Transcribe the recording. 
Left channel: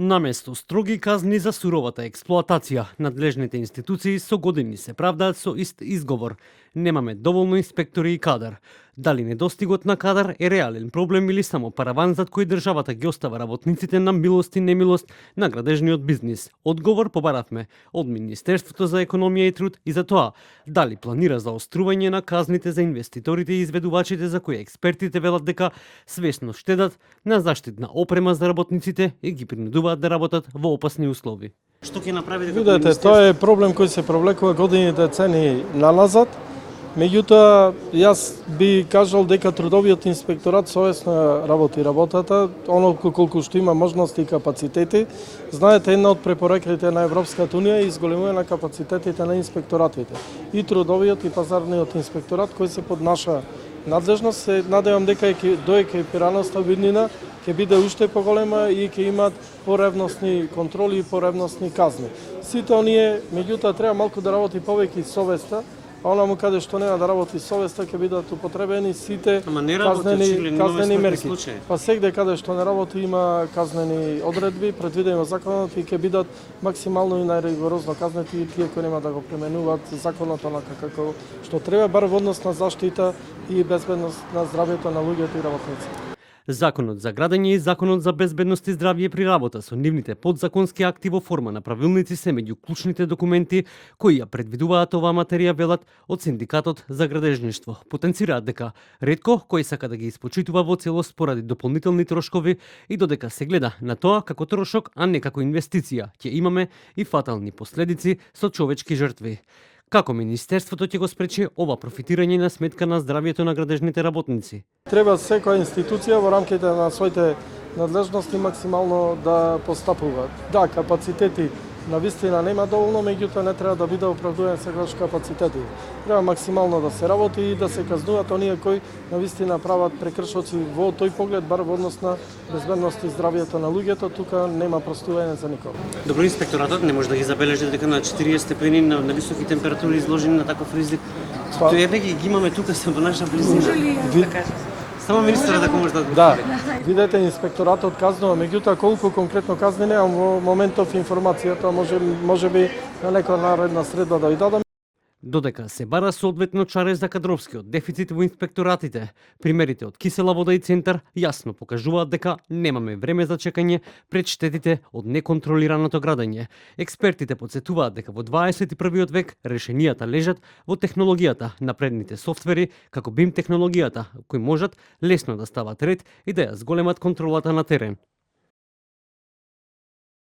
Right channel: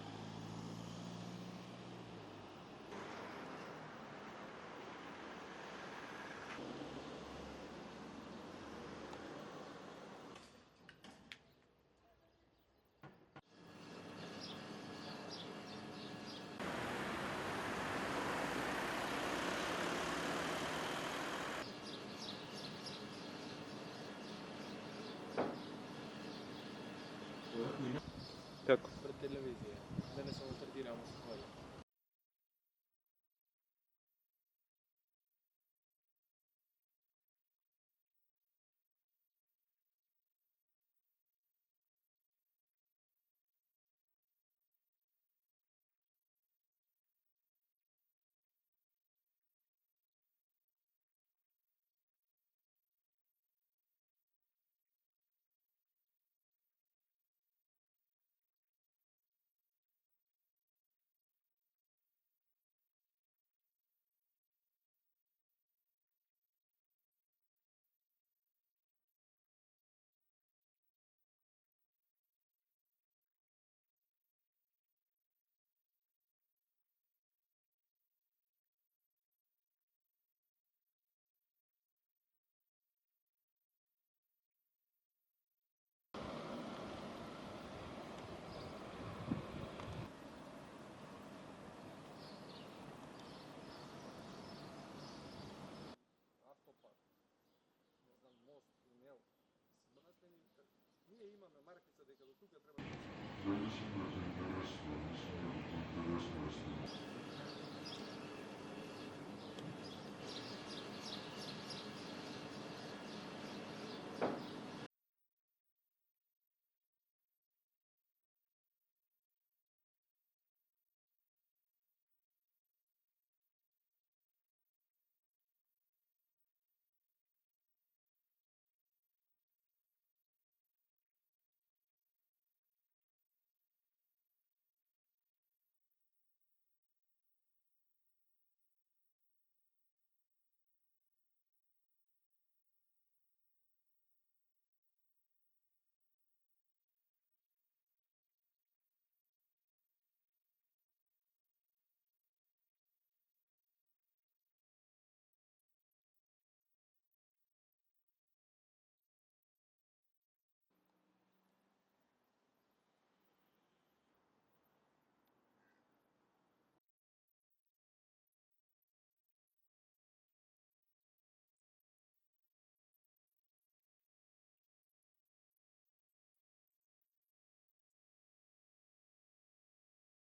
Наместо строги казни за суровата експлоатација, надлежните институции со години се правдаат со ист изговор. Немаме доволно инспектори и кадар. Дали недостигот на кадар е реален проблем или само параван зад кој државата ги остава работниците на милост и немилост на градежниот бизнис? Одговор побаравме од Министерството за економија и труд и за тоа дали планира заострување на казните за инвеститорите и изведувачите за кои експертите велат дека свесно штедат на заштитна опрема за работниците и ги принудуваат да работат во опасни услови. Што ќе направите како Видете, тоа е проблем кој се провлекува години децени наназад. Меѓутоа, јас би кажал дека трудовиот инспекторат совесно работи работата, онолку колку што има можности и капацитети. Знаете, една од препораките на Европската унија е изголемување на капацитетите на инспекторатите. И трудовиот и пазарниот инспекторат кој се под наша надлежност, се надевам дека до екипираноста виднина ќе биде уште поголема и ќе имаат поревностни контроли и поревностни казни. Сите оние, меѓутоа, треба малку да работи повеќе совеста, а онаму каде што нема да работи совеста ќе бидат употребени сите казнени мерки. Па сегде каде што не работи има казнени одредби предвидени во законот и ќе бидат максимално и најригорозно казнети и тие кои нема да го применуваат законот онака како што треба, бар во однос на заштита и безбедност на здравјето на луѓето и работниците. Законот за градење и Законот за безбедност и здравје при работа со нивните подзаконски акти во форма на правилници се меѓу клучните документи кои ја предвидуваат оваа материја, велат од Синдикатот за градежништво. Потенцираат дека ретко кој сака да ги испочитува во целост поради дополнителни трошкови и додека се гледа на тоа како трошок, а не како инвестиција, ќе имаме и фатални последици со човечки жртви. Како Министерството ќе го спречи ова профитирање на сметка на здравјето на градежните работници? Треба секоја институција во рамките на своите надлежности максимално да постапува. Да, капацитети навистина нема доволно, меѓутоа не треба да биде оправдуван секогаш капацитети. Треба максимално да се работи и да се казнуваат оние кои навистина прават прекршоци во тој поглед, бар во однос на безбедност и здравјето на луѓето, тука нема простување за никого. Добро, инспекторатот не може да ги забележи дека на 40 степени на високи температури изложени на таков ризик. Тоа ги имаме тука се во наша близина. Само министерот дека може да го видете, инспекторатот казнува, меѓутоа колку конкретно казни немам во моментов информацијата, може би на некоја наредна средба да ви дадам. Додека се бара соодветно чаре за кадровскиот дефицит во инспекторатите, примерите од Кисела вода и Центар јасно покажуваат дека немаме време за чекање пред штетите од неконтролираното градење. Експертите потсетуваат дека во 21. век решенијата лежат во технологијата, напредните софтвери, како BIM технологијата, кои можат лесно да стават ред и да ја зголемат контролата на терен.